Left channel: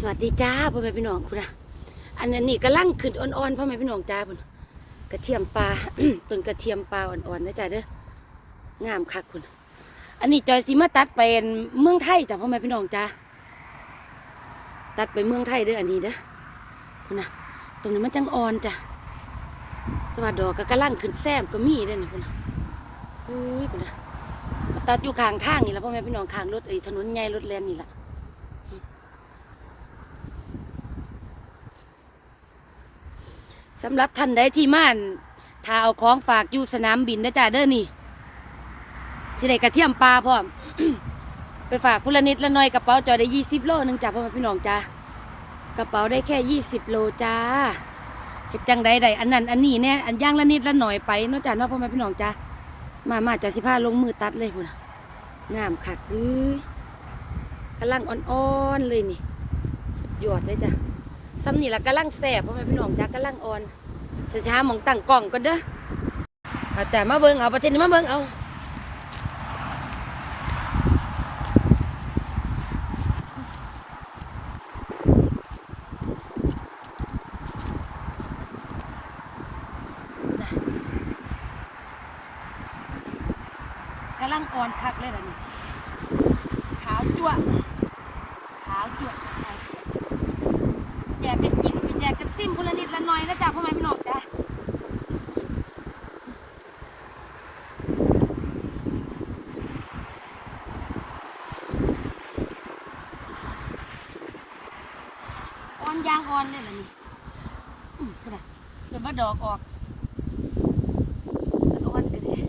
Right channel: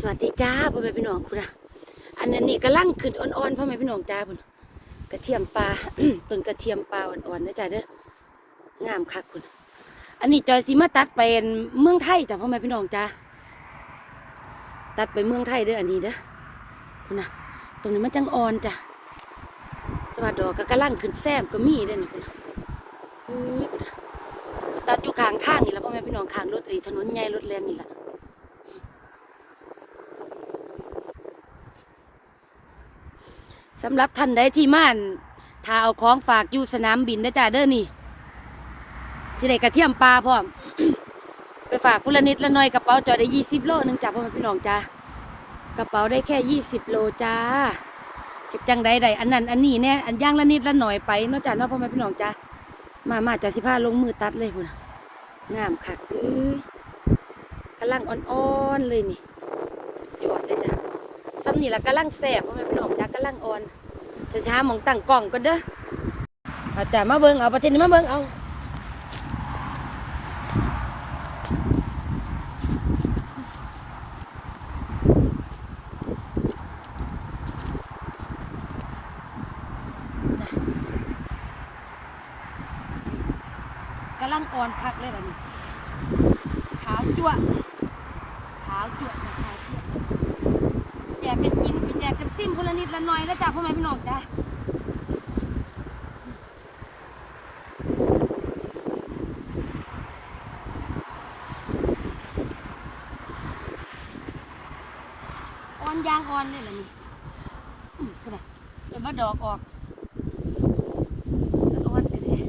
สวัสดีจ้าพ่อแม่พี่น้องคุณนะอันนี้กำลังขึ้นอ่อนๆพ่อแม่พี่น้องจ้าคุณกระเทียมปลาต้นกระเทียมปลาอ่อนๆนะจ้าเด้องามคักคุณ อันนี้จอยซีมาตัดไปเมืองไทยจ้ะพ่อแม่พี่น้องจ้าตัดไปเมืองไทยเด้ออันนี้เด้อคุณนะตรงนี้มันจังอ่อนจ้ะแตัวาดอกก็กำลังขึ้นแซมก็มีเด้อนี่คุณนะเฮ้ยคุณนะตัดอยู่ข้างทางนี่แหละพ่อแม่พี่น้องข้างรถไอ้ถนนใหญ่รถแล่นนี่แหละ สำหรับท่านใดที่ม่านถ้าเอาของฝากอยู่สนามบินนะจ้าเด้อนี่สิได้กระเทียมปลาพร้อม ไปฝากพลนิดละหน่อยกระเป๋าจอได้ยี่สิบโลหนึงจ้าพ่อแม่พี่น้องจ้ากระเป๋าได้แค่ยี่สิบโลจ้าเฮ็ดจังใดใดอันนั้น อันนี้เนี่ยอันย่างละนิดละหน่อยไปนาะจ้าเนาะพ่อแม่พี่น้องจ้ามามาจ้าสิพาลงมือตัดเลยพุ่นงามคักเอ้ยกำลังอ่อนๆเลยนี่สุดยอดเลยจ้าซ้ำนี่ละกำลังแสบพราะแม่พี่น้องจ้ากำลังอ่อน ช้าๆหมองตั้งกล่องก่อนเด้อเอาแต่มาเบิ่งเอาประเทศนี้มาเบิ่งเอาน่ะกำลังอ่อนคักเลยล่ะนี่ขาวจั่วะขาวจั่วะจ้ะขาวจั่วะ แจกเป็นกินเป็นแจกกันซิมคนละนิดละหน่อยนะจ๊ะพ่อแม่พี่น้องจ้ะ อ่อนเลยล่ะนี่อืมก็ได้จนว่าดอกออกอ่อนกันเลย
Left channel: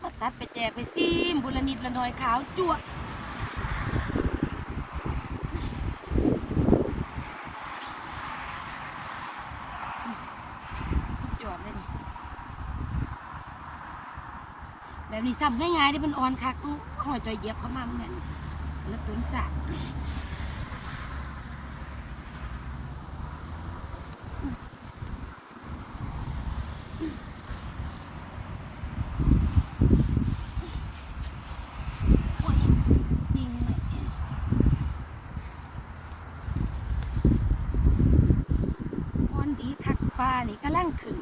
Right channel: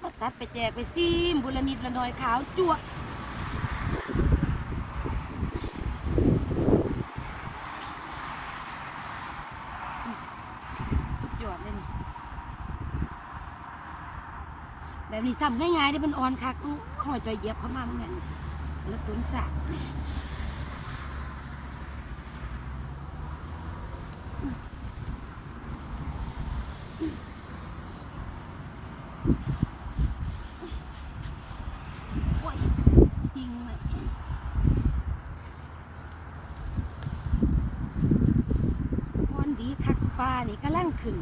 มาตัดไปแจกไปซิมบุละนิดละน่อยขาวจั่วะสุดยอดเลยนี่แบบนี้ซ้ำง่ายๆได้เป็นออนคักต้หอยจอยเยียบเข้ามาเหมือนกันแล้วตุนสะโอ้ยยิงเลยออนดีคักปลานี่กำลังขึ้น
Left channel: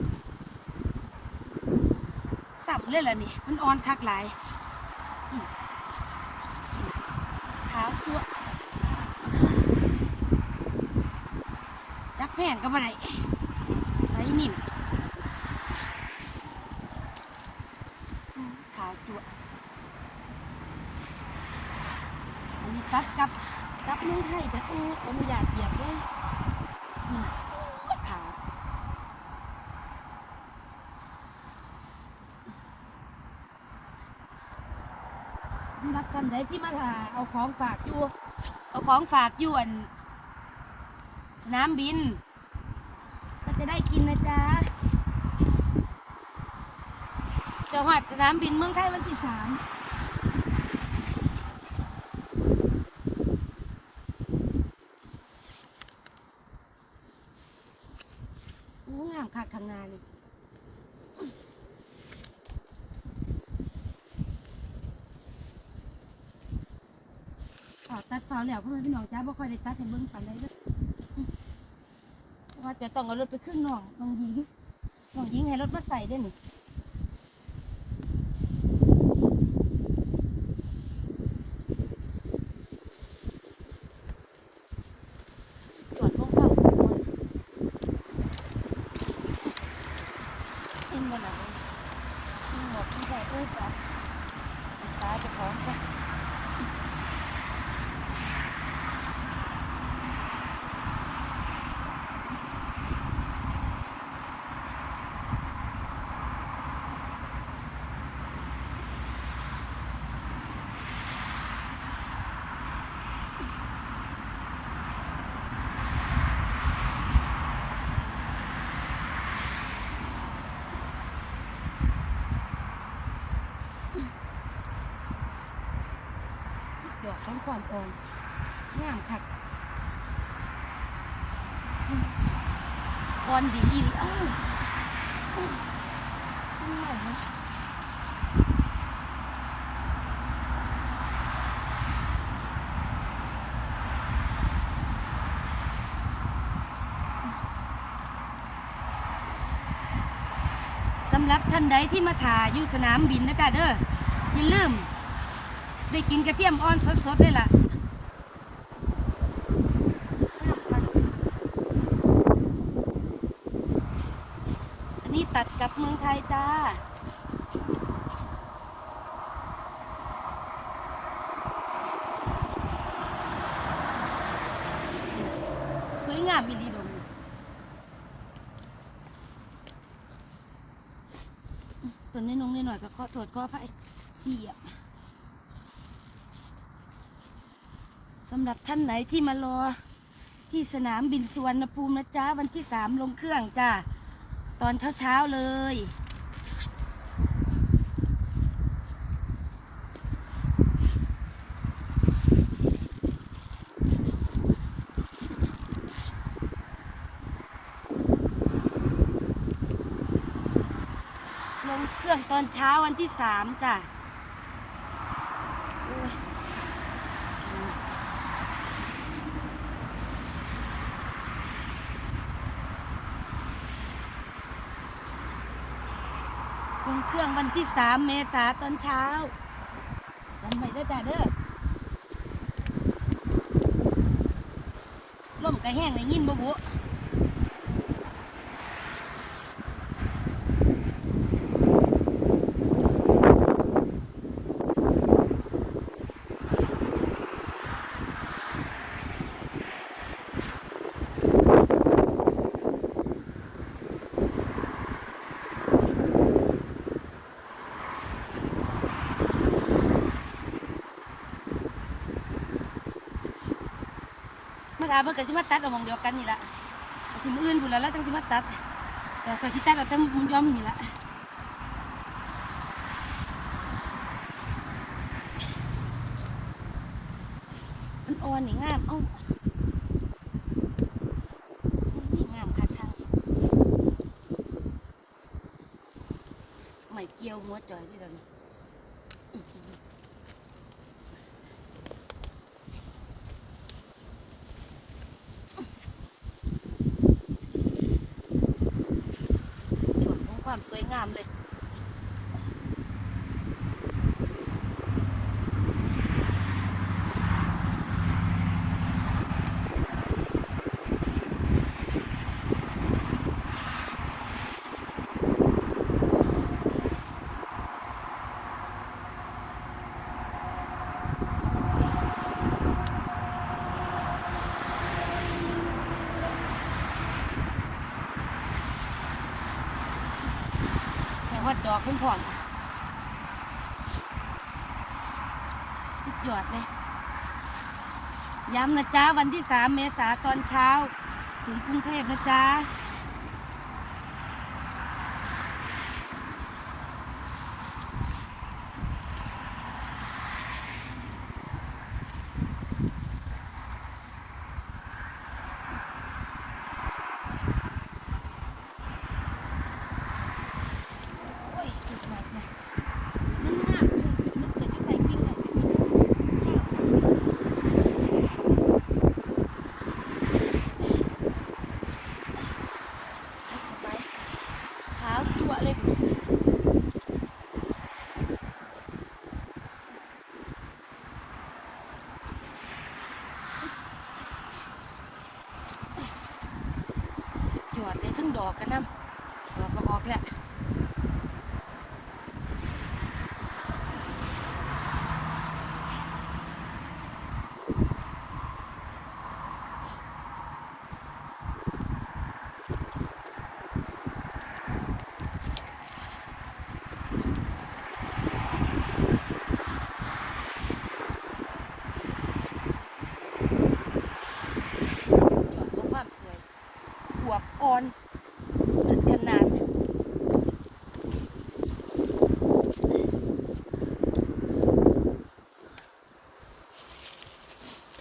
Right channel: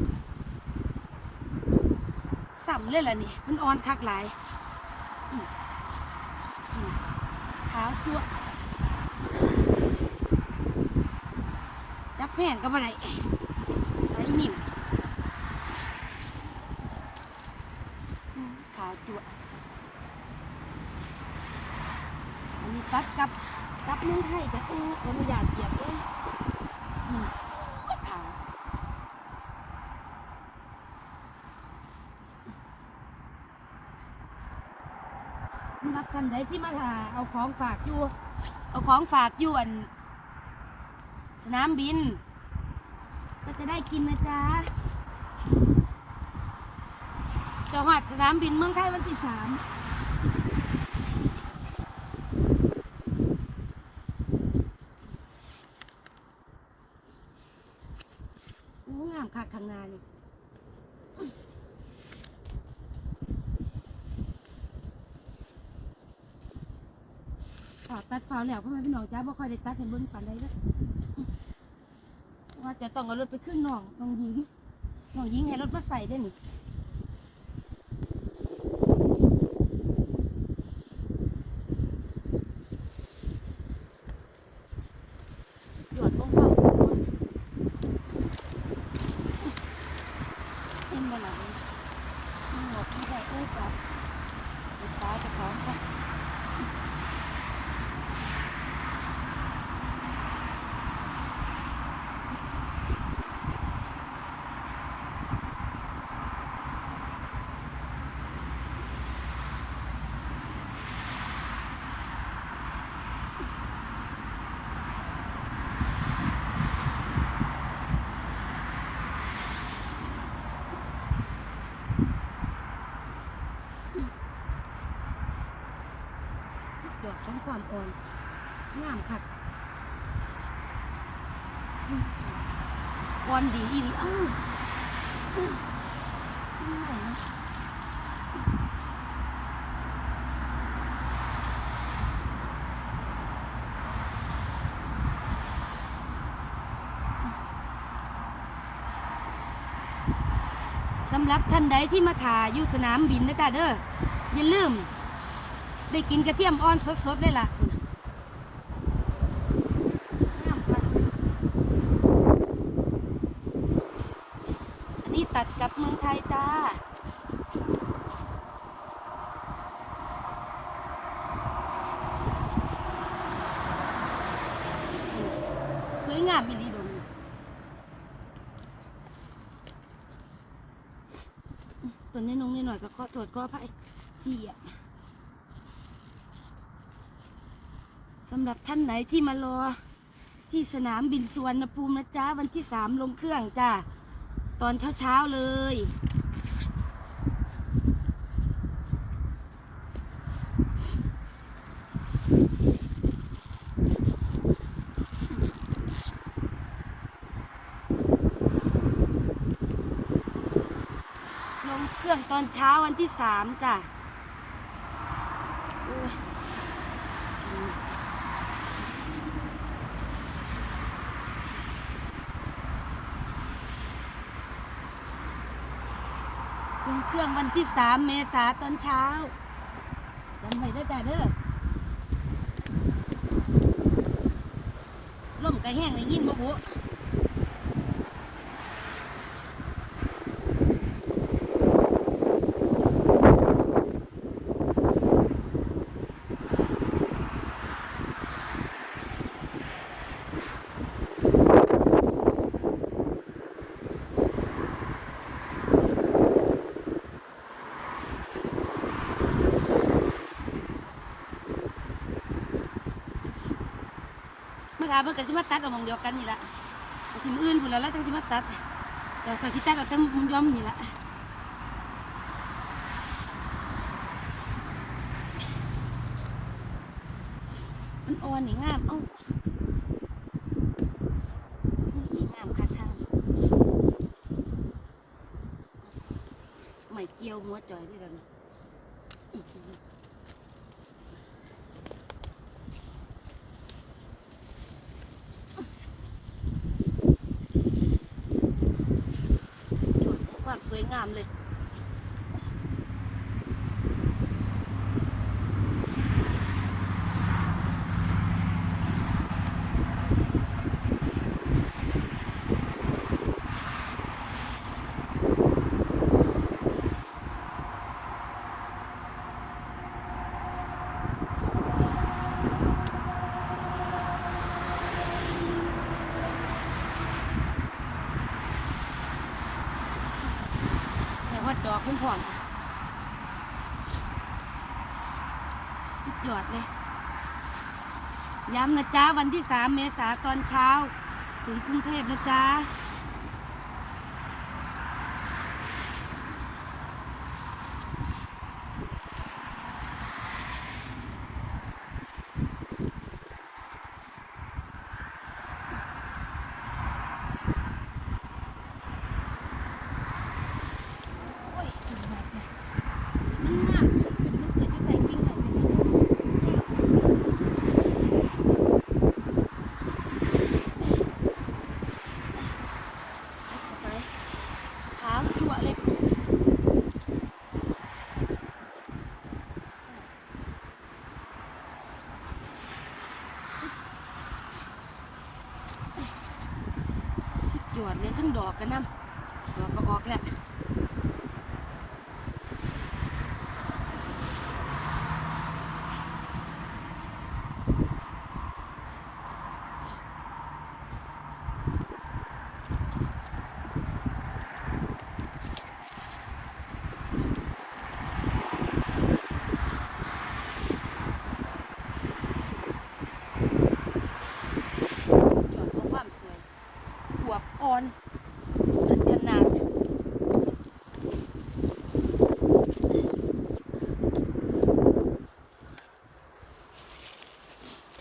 สับ เลยล่ะนี่ มันอ่อนคักหลายขาวจั่วจับแผ่นก็บ่ได้ไอ้นิ่มขาวจั่วอันนี้ตัดกับกับเมืองไทยแต่โอ้ออนุญาตเหยียบเลยนี่นะโอ้ยขาว มักคนใดที่มาหาเอาของฝากอยู่ เอาของฝากอยู่อัน สนามบิน ก็จะได้กินนะจ๊ะจะหัดสนามบินเมืองไทยวันที่สามโอ้งามขาดทำงานเลย ขอ ตัดเสาแล้วพ่อแม่พี่น้องจ้าบ่ค่อยได้ตัดให้เบิ่งปานใดเด้อว่าจะต้องเอารถไปขึ้นน้องน้องหญิงน้องหญิงให้รถมาใส่ด้วยนี่ ท้องความอ่อนงามคักอ่อนดีอีเอ้าไม่ไหวนะสำหรับท่านใดที่มาถ่ายอยู่สนามบินนะจ๊ะเด้ออย่าลืม ได้กินกระเทียมอ่อนสดๆเลยล่ะอันนี้ตัดกับเมืองไทยจ้าสวยงามอีหลีดงตัวนี้นงนิดหน่อยก็ขอโทษขออภัยที่เหยียบสำหรับท่านไหนที่มารอ ที่สนามบินสุวรรณภูมินะจ๊ะ วันที่สามลงเครื่องจ้าตอนเช้าๆเลย ลงเครื่องตอนเช้าวันที่สามจ้ะ ลงเครื่องวันที่สามเมษาตอนเช้าจำไว้ได้จ้ะเด้อล่มกระแห้งเลยยินบ่บุ ไม่ได้เพิ่นก็สิมาตัดเอาหมองเดียวกันนี่ละก็สิมื้ออื่นพุ่นแล้วแล้วจังสิมาตัดแต่ก็สิตัดเอาแต่มุมย้อมนี่ละมันอ่อนนี่งามเอ้าไม่เกี่ยวหัวจอยนี่ดังอีกทีหนึ่ง ของความ สวยงามเลย แห่ฮอดดอกคุณพ่อนสุดยอดเลย ย้ำนะจ๊ะ วันที่สามเมษาตอนเช้า ถึงกรุงเทพนะจ๊ะ โอ้ยเก่งมากเลยนี่มากนึกเกิดที่ไปจริงเลยขาวจั่วเลย สุดยอดเลย ทั้งดอกกันน้ำดอกก็ออกแล้ว จอดของความสวยขวบอ่อนขนาด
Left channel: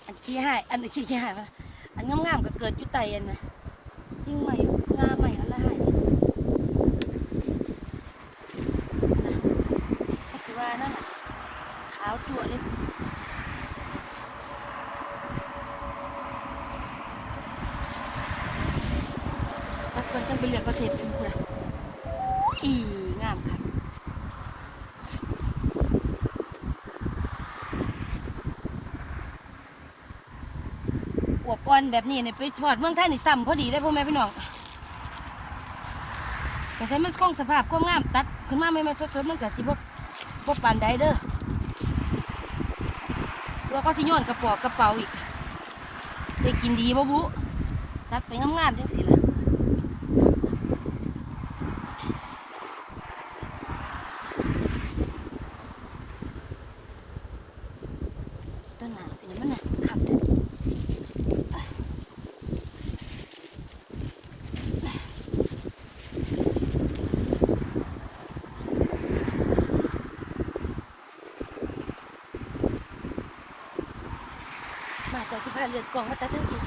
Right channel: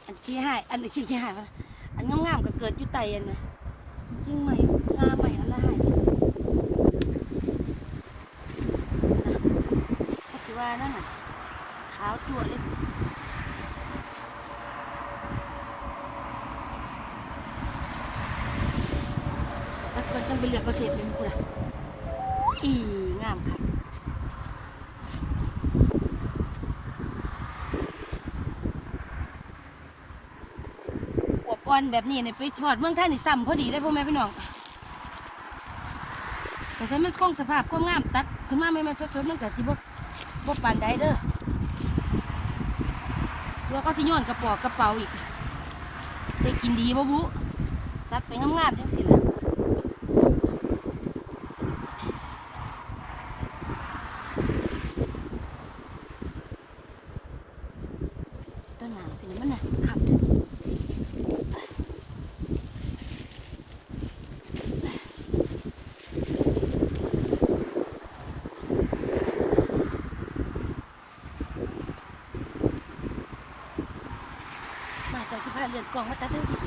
อันขี้ให้ อันนี้ขี้ให้อันงามๆก็เกิดอยู่ไตอันนี่ยยิ่งใหม่งาใหม่อันละให้ก็สิว่านั่นน่ะขาวตัวเลยต้องต้องไปเรียกกระเทศเป็นคนละอีอะ อนแบบนี้เนี่ยไปทอดเมืองไทยนี่ซ้ำพอดีได้พ่อแม่พี่น้องแต่ใช้มันคงสภาพคงงามตัดขึ้นมาไม่มาสดๆมันก็สิบ่บ่ปานใดเด้อเสื้อก็สิย้อนกระปอกกระเป๋าอีกได้กินดีบ่บุตัดไปงามๆจังสิล่ะต้นหนาวสิมันน่ะขับเถอะ มาจากสิพาเลือดกล่องมาตัดเท่าไหร่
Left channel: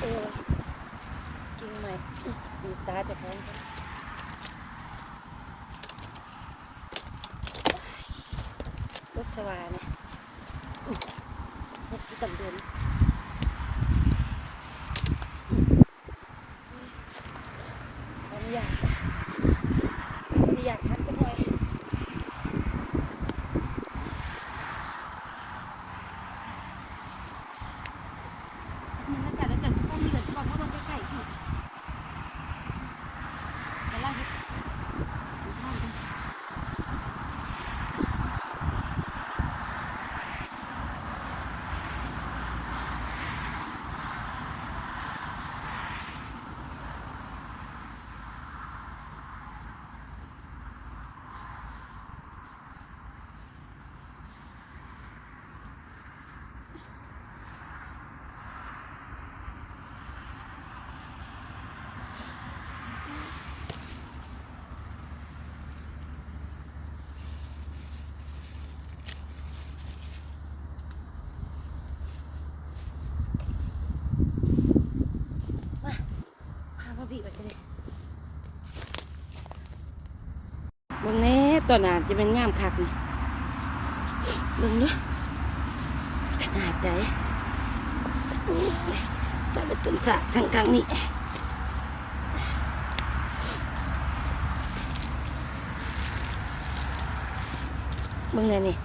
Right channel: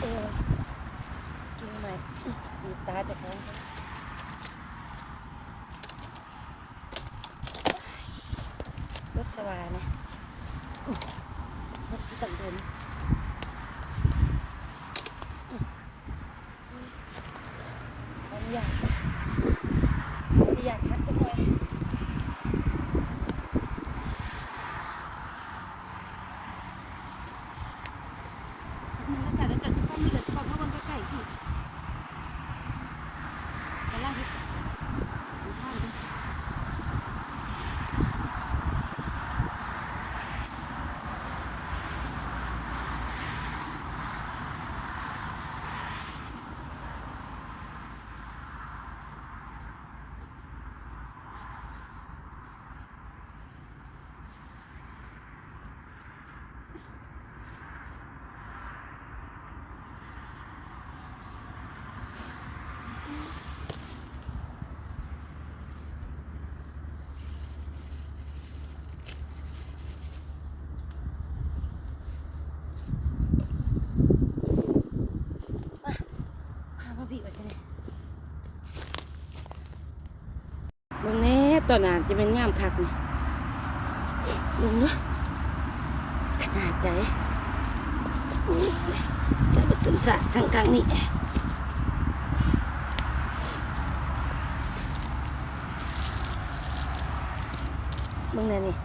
เออจริงมาดีตาจะแพงรถสวานะอุ๊ยรถที่ตังโดน ขออนุญาตนะขออนุญาตครับจังเลยมันแล้วแต่แล้วแต่จะป้อมมีแต่จะป้อมเพราะมันก็ใกล้ที่กำลังที่ดูท่านกัน พามาบีบไปเลยบางแน่ตอนนั้นจะเป็นงามคักนี่เบิ่งด้วยขนาดใดโอ้ยแต่ละต้นสะข้างๆนี่เบิ่งไงนี่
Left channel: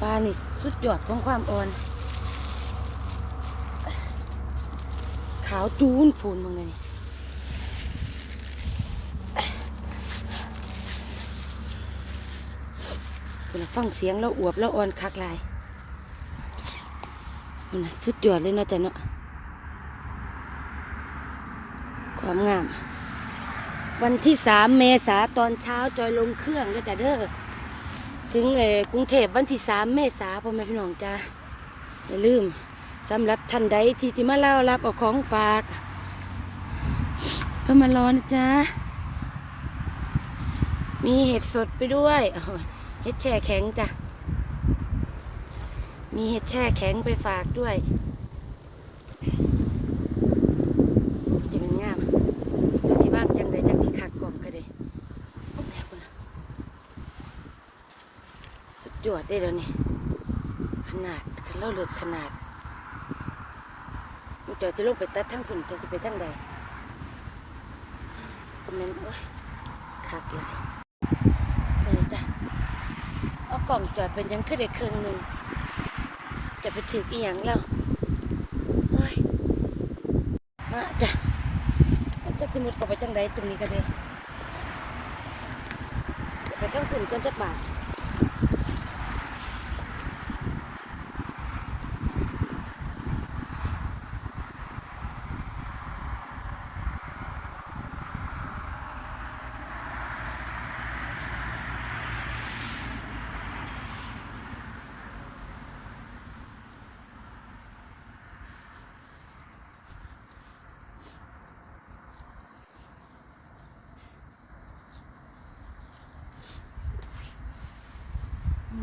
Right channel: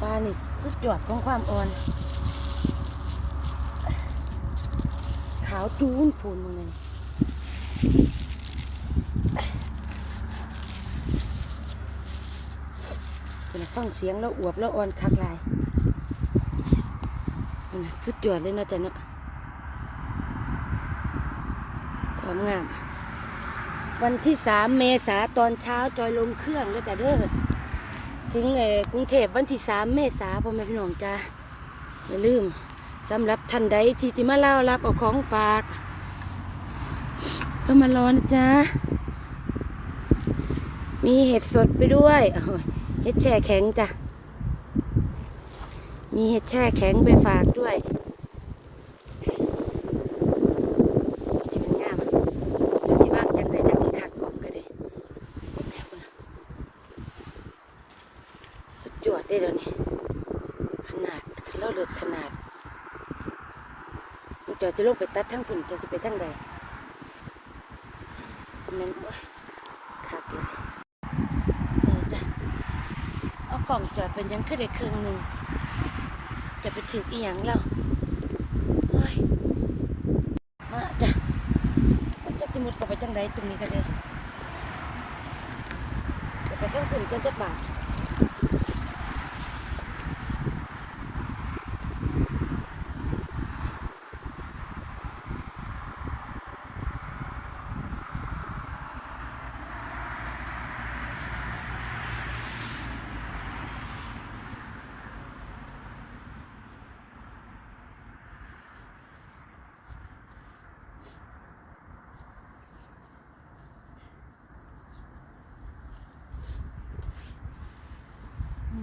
ปลานี่สุดยอดของความอ่อน ขาวจูนพูนมึงไงนี่ เป็นฟังเสียงแล้วอวบแล้วอ่อนคักลายมันสุดยอดเลยเนาะจ๊ะเนาะความงาม วันที่สามเมษาตอนเช้าจอยลงเครื่องก็จะเด้อถึงเออกรุงเทพวันที่สามเมษาพ่อแม่พี่น้องจ้าอย่าลืมสำหรับท่านใดที่จะมาเล่ารับเอาของฝาก ก็มารอนะจ๊ะ มีเห็ดสดไปด้วย เห็ดแช่แข็งจ้ะ มีเห็ดแช่แข็งไปฝากด้วยจะเป็นงามจะสิบ้างจังเลยจะสิถักออกก็เลยสุดยอดได้แล้วนี่ ขนาดเล่าเลือดขนาดจอจะลงไปตัดทั้งผุนจะสิไปทั้งใด ก็มันโอ๊ยคักหลายเอาเลยจ้ะเอากล่องจอดเป็นยังขึ้นได้ครึ่งหนึ่งจะไปถืออีหยังแล้วเฮ้ยมาจ้ะมันจะสมุดก็ไปจังไดตรงนี้กันเลยจะไปต้องผุนจนจะบาด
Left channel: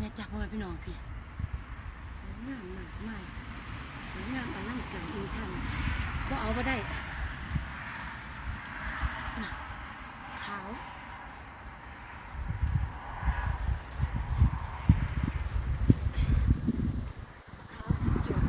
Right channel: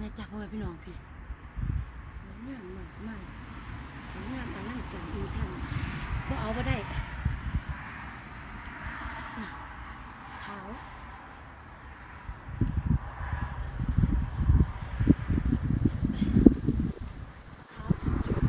มันจะจับพ่อแม่พี่น้องพี่สวยงามมากมากสวยงามอลังการอีท่านว่าเอาบ่ได้น่ะขาว ขาวสุดยอด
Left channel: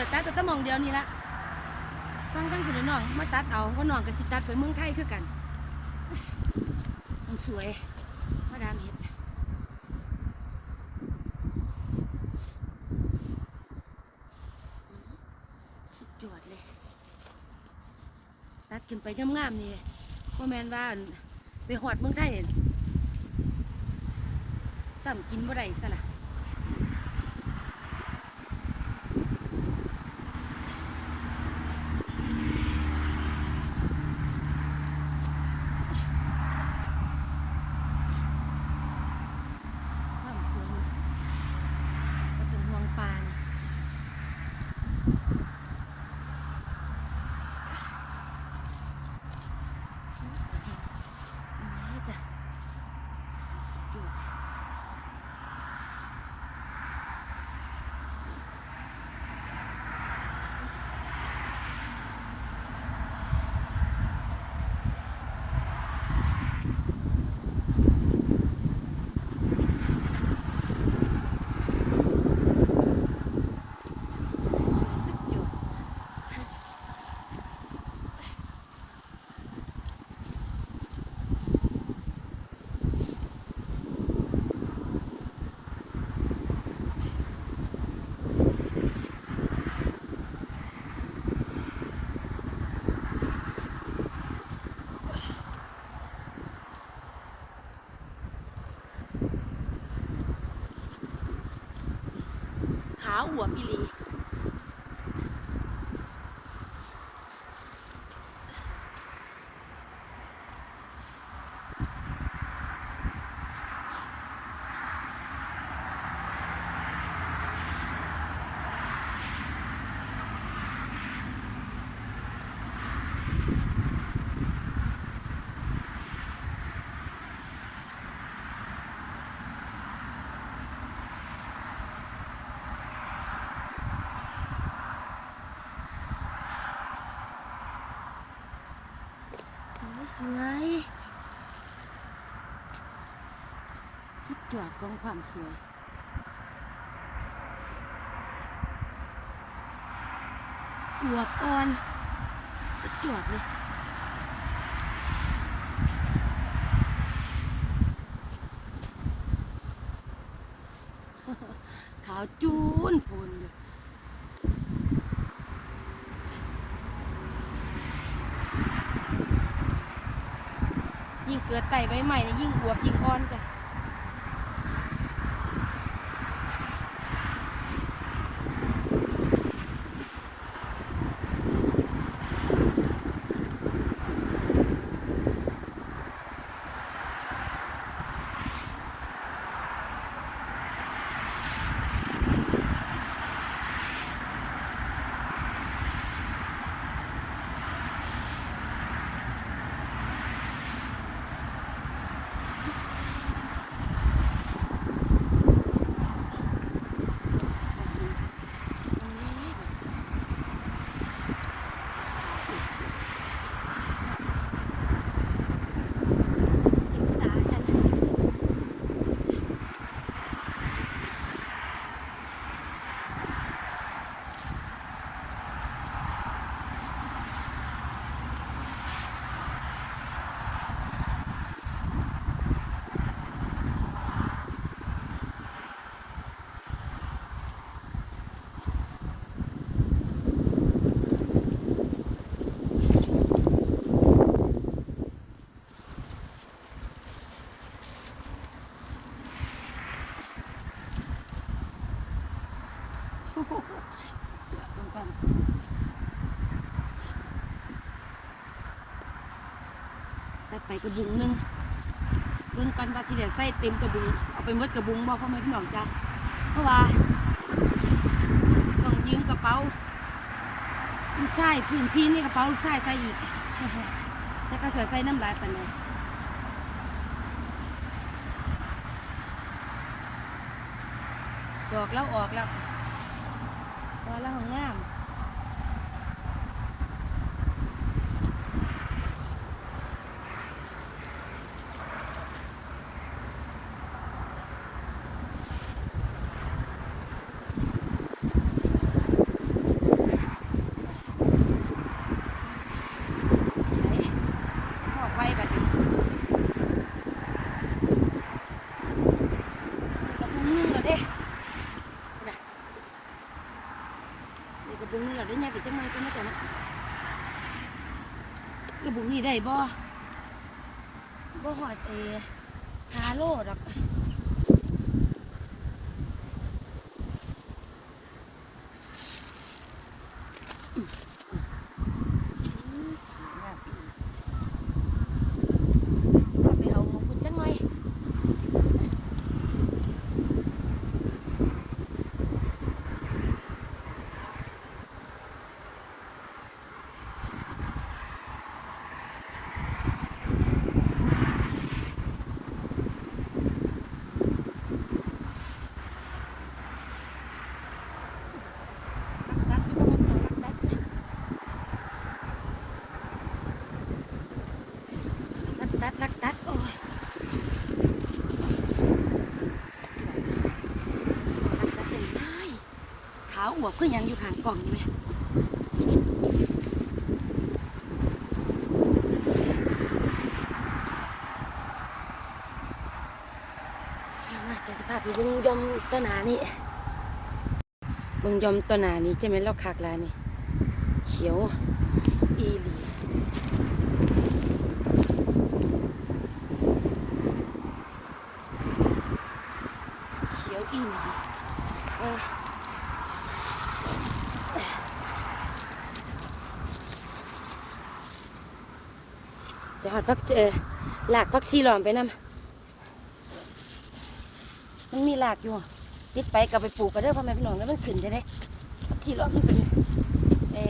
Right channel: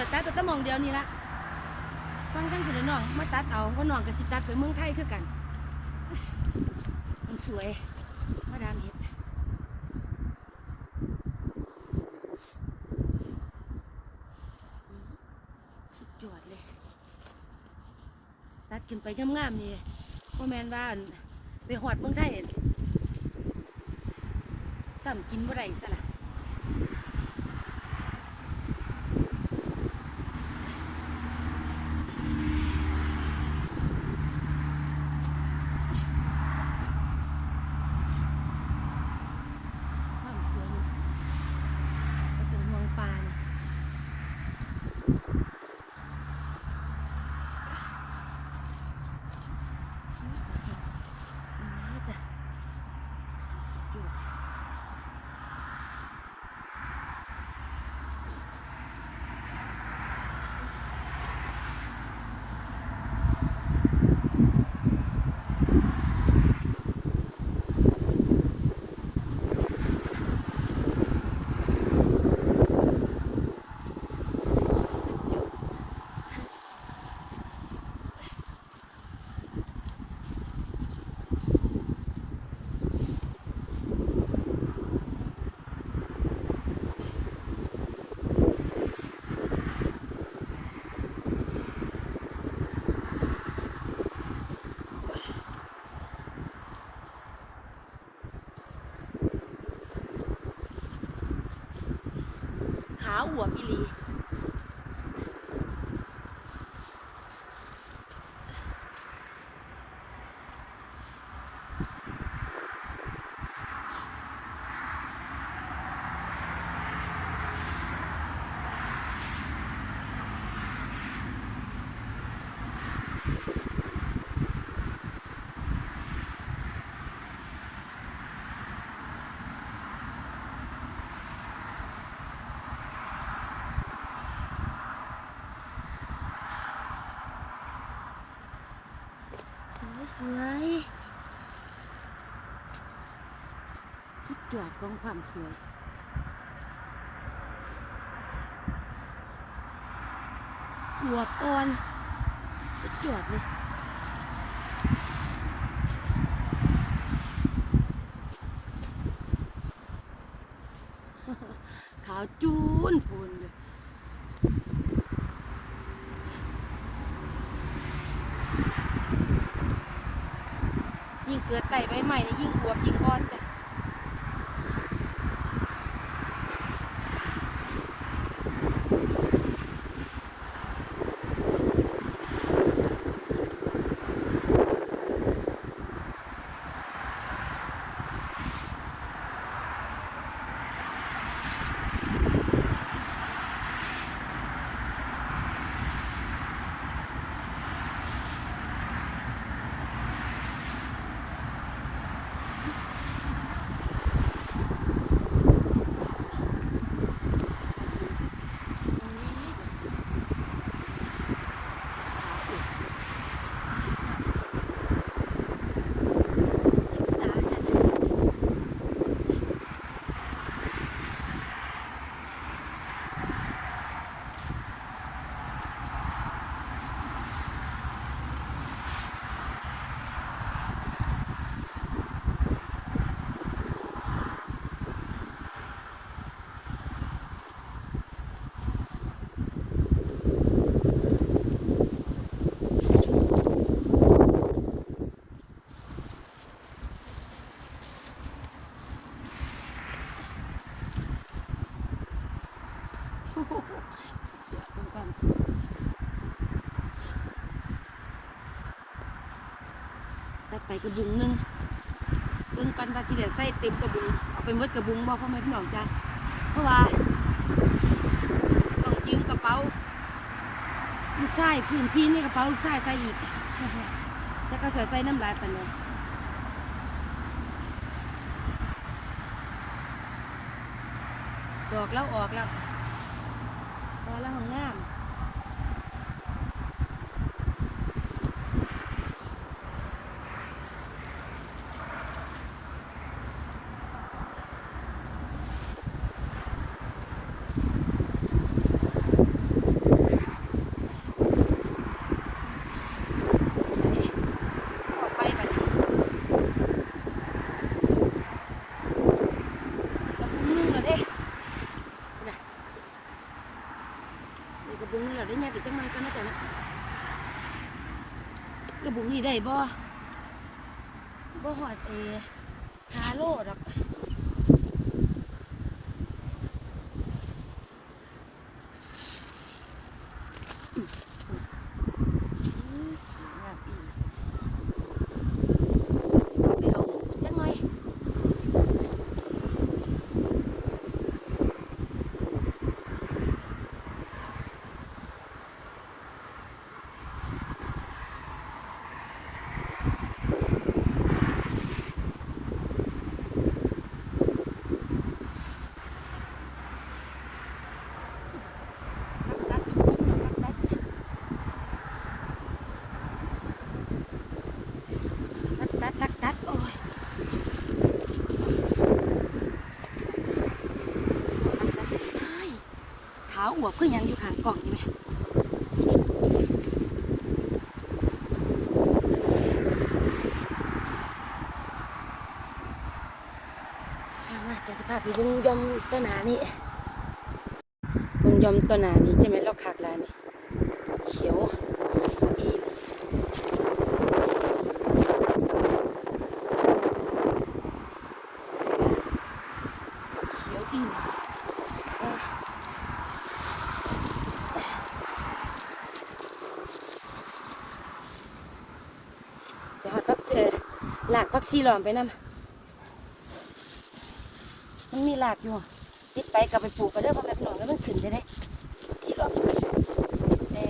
จะตัดแต่ตะมองเดียวนี่ละฟังทั้งคุณน้องมาตัดเอาเพราน้องกับสิตัดไปเมืองไทยคือกัน มันสวยมาดามเห็ดสุดยอดเลย ตัดขึ้นไปงามๆนี่พ่อแมนว่าไปหอดเมืองไทยอั่นซ้ำกินบ่ได้ซะละวามสวยนี่ก็ตรงห่วงปลานี่นี่จ้ะสุดยอด สุดยอด ขาอวบอีหลี สวยสุดยอดของความสวยอวบอ่อนสุดยอดเลยขาวจูนพูนอยู่ เกิดไต่ใบใหม่เนี่ยยิ่งอวบยิ่งอ่อนจ้ะตรงนี้แบบขาวอวบตาฉัน โอ้โห สุดยอดของความสวยตัดไปกระบุงนึงเบิ่งกันว่าสิเดี๋ยใส่เต็มกระบุง เอาไปมดกระบุงบอกพ่อแม่พี่น้องจ้ะเพราะว่าต้องยืมกระเป๋า ลูกชายพื้นที่นี่กระเป๋าลูกชายใส่อีกแต่ก็สวยใส่น้ำลายปันเลยดอกแล้วออกแล้ว พอแล้วของงาม อีกจังไงก็น่าจะนะกระบุงนี่ได้บ่บ่หอดเอฮาโลดอกอืมอืมสวยงามอีกไปเอาของคุณจังหน่อย ตัดตัดตัดตัดตัดตัดโอ้ยขาวอวบก็ยังอยู่ข้างกล่องนี่ไหมมาตัวสภาพ เบิ่งยอมต้นหนานี่เบิ่งยอมตัวหนานี้จะไหมนเราคักแล้วนี่เขียวอีเขียวอีเอ้ยเดี๋ยวหอดพักเจอหลากพักชีหลอมไปนำ มันมีหลากอยู่ ติดไปกับไปปลูกก็ได้อพ่อแม่พี่น้องแล้วมันขึ้นจะได้ที่หลอกมันเอ่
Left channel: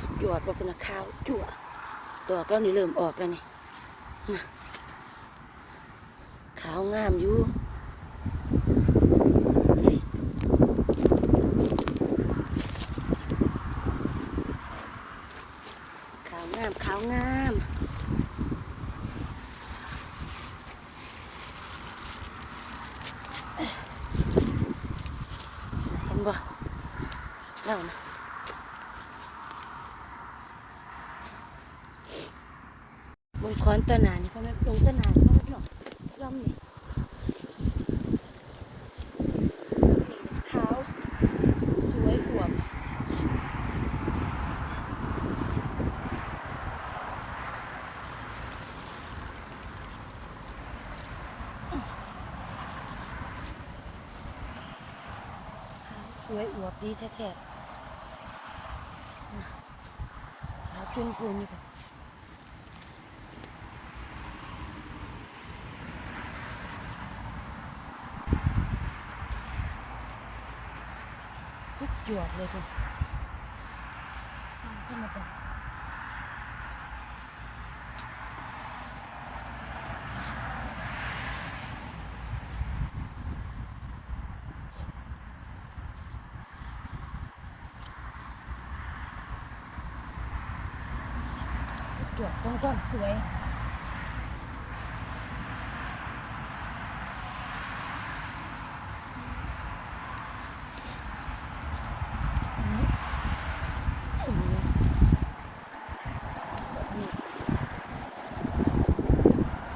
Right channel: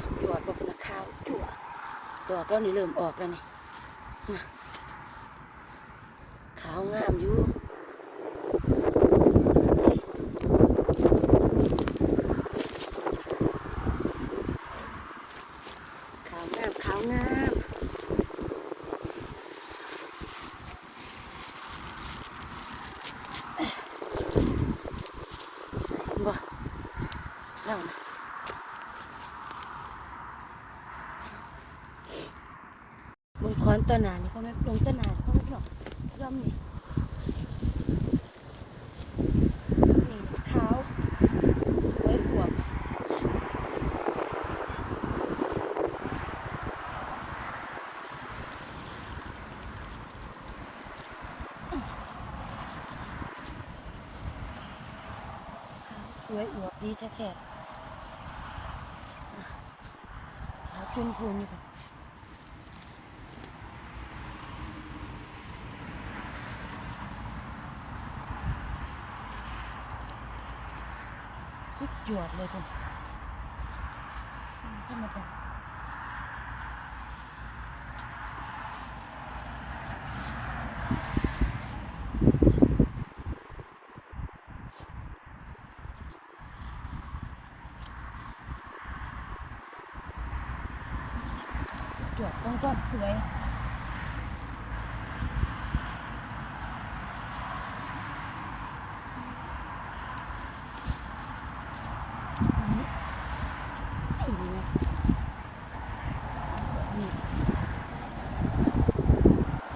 สุดยอดว่าเป็นข้าวจั่วดอกแล้วนี่เริ่มออกแล้วนี่นะขาวงามอยู่ขาวงามขาวงาม เห็นบ่แล้วนะ บนคอนตะหนานี่พ่อแม่ลงตะหนานี่พ่อแม่พี่น้องย่อมนี่ขาวสวยอวบขาวสวยอวบดีแท้ๆขาวขึ้นพูนอยู่ค่ะสุด ยดเลยคุณธรรมดาสุดยอดกว้างๆสวย อันนี้อันนี้นี่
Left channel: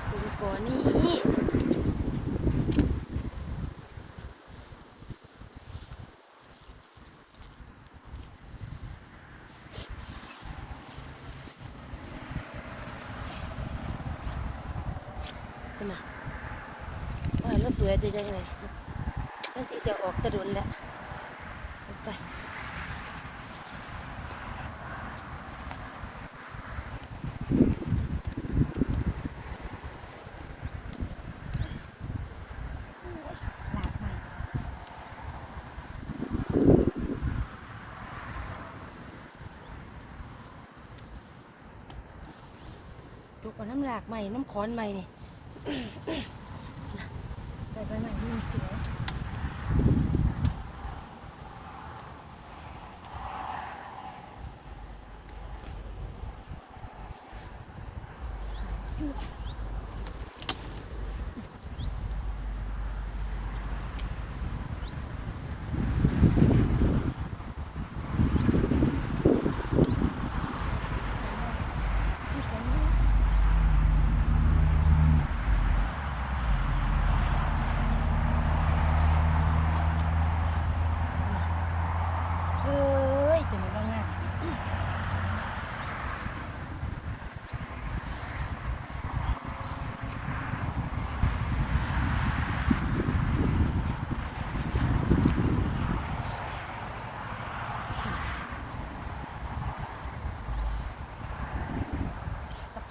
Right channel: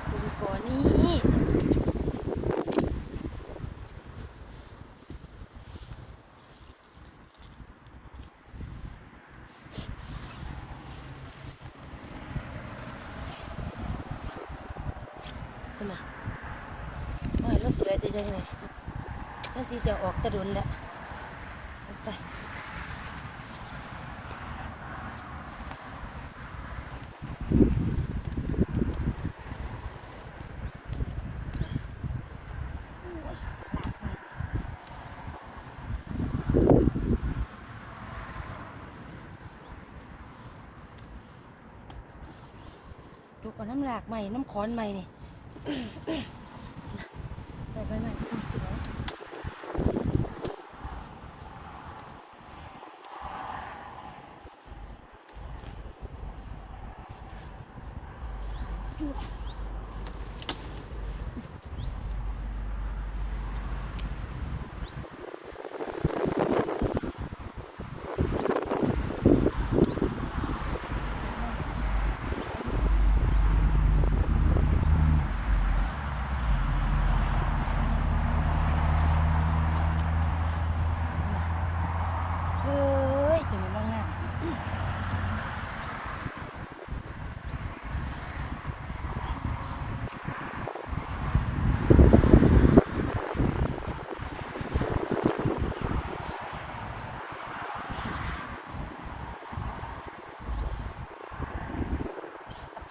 ซิลิโคนนี่ขึ้นมาว่าแล้วเสือ จะยังไงนั่นที่จะออกกระดุนแล้วไปดูก่อนน้ำหลากใหม่ น้ำขอนใหม่นี่ ใส่ไปให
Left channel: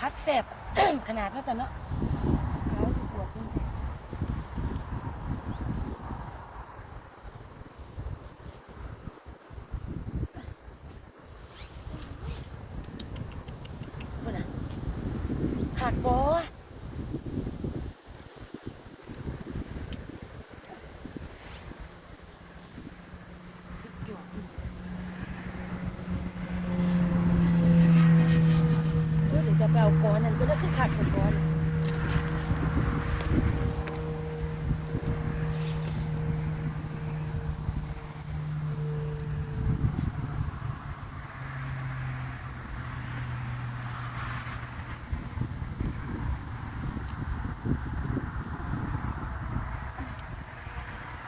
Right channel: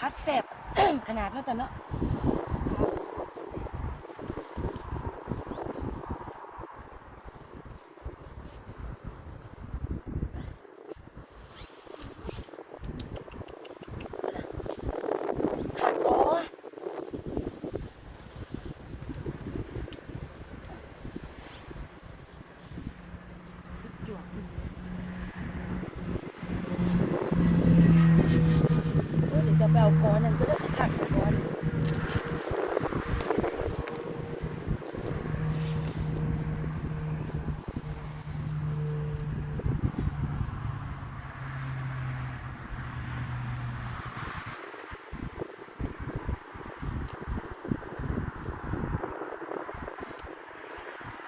ม่ที่มันสวยพัดแสบ ขนาดนั้นแต่เนาะหักบอสุดยอดโอ้ยเดี๋ยวจะไปเอาก้อนนั่นก็ได้ขัดกันก้อน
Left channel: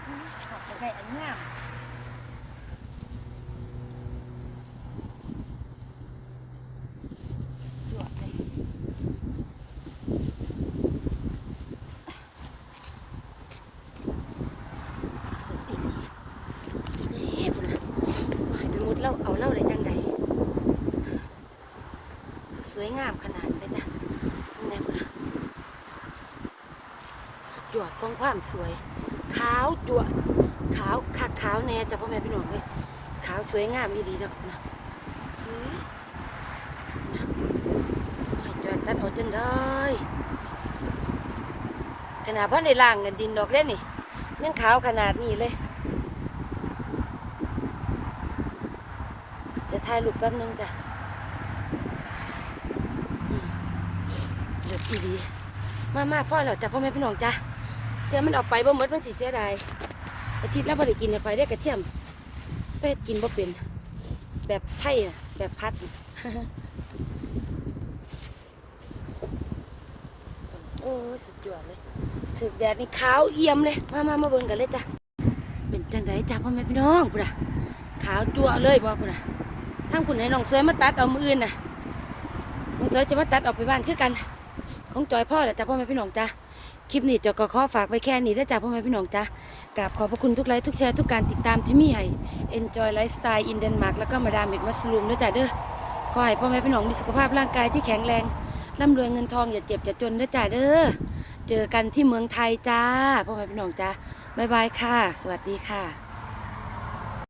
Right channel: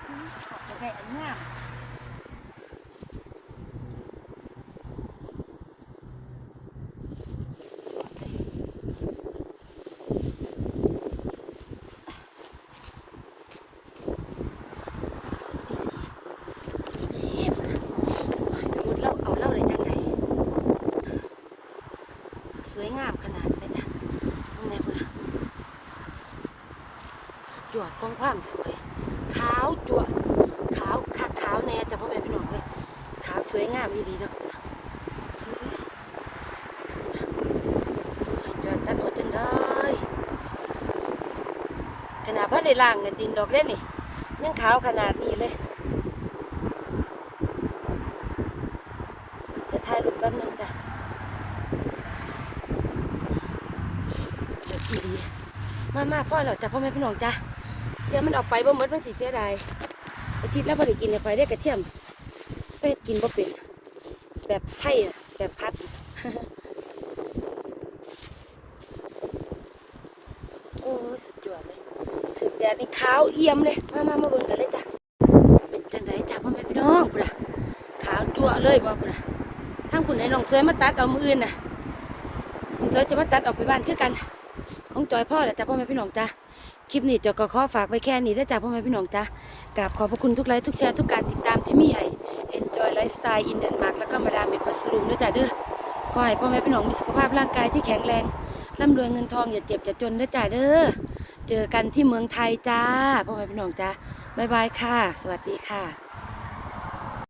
ขอบใจอันงามเอ๊ะพุ่นน่ะไปมุดเล่าเอาเล่าได้จังใดสวยงามขนาดไหมจ๊ะยังไงพุ่นน่ะสุดยอดของความสวย ขาวจั่วะขาวคักขาวแน่จะพ่อแม่พี่น้องเว้ยขาวสวยงามดีดีเนาะจอดตัดหัวจังเลยขนาดพ่อในล่างเงินดินดอกเล่นนี่ยังขาวขนาดนี้เลย จะถ่ายรูปแป๊บนึงจ้ะเดี๋ยวดีมามาพ่อเราจะพ่อแม่พี่น้องจ้ะเดี๋ยวมันออกไปบ่หมดมันสิเสียดาย อาทิตย์แล้วบ่ได้กินเลยไปได้กระเทียมไปกินบ่เป็น แบบไทยแบบพัดโอ้สุดยอดเลยสุดแดดนี่ขาวเอี่ยมเลย มามามาเบิ่งกันเลยจ้ะเป็นจังไดจ้ะพ่อแม่พี่น้องพุ่นน่ะขาวจั่วเลยบ่พุ่นน่ะทางพุ่นให้น้องสวยมาตัดเอามืออื่นน่ะน้องสวยจะมาตัดออกไปบ้านคือกันของจอยพ่อแหละจ้ะพ่อแม่พี่น้องจ้ะคลิปนี้จาก็ขอฝากไว้แค่นี้ได้จ้าพ่อแม่พี่น้องจ้า กราบขอบพระคุณทุกไลค์ทุกแชร์ทุกการติดตามที่มีให้ Enjoy Lifestyle in Denmark แล้วก็มาดามเม็ดมัสลูมด้วยจ้ะเด้อขอให้พ่อแม่พี่น้องมีสุขภาพร่างกายที่แข็งแรงร่ำรวยเงินทองอย่าเจ็บอย่าจนด้วยจ้ะเด้อเจอกันที่เมืองไทยจ้าพ่อแม่พี่น้องจ้าบ๊ายบายค่ะ สวัสดีค่ะ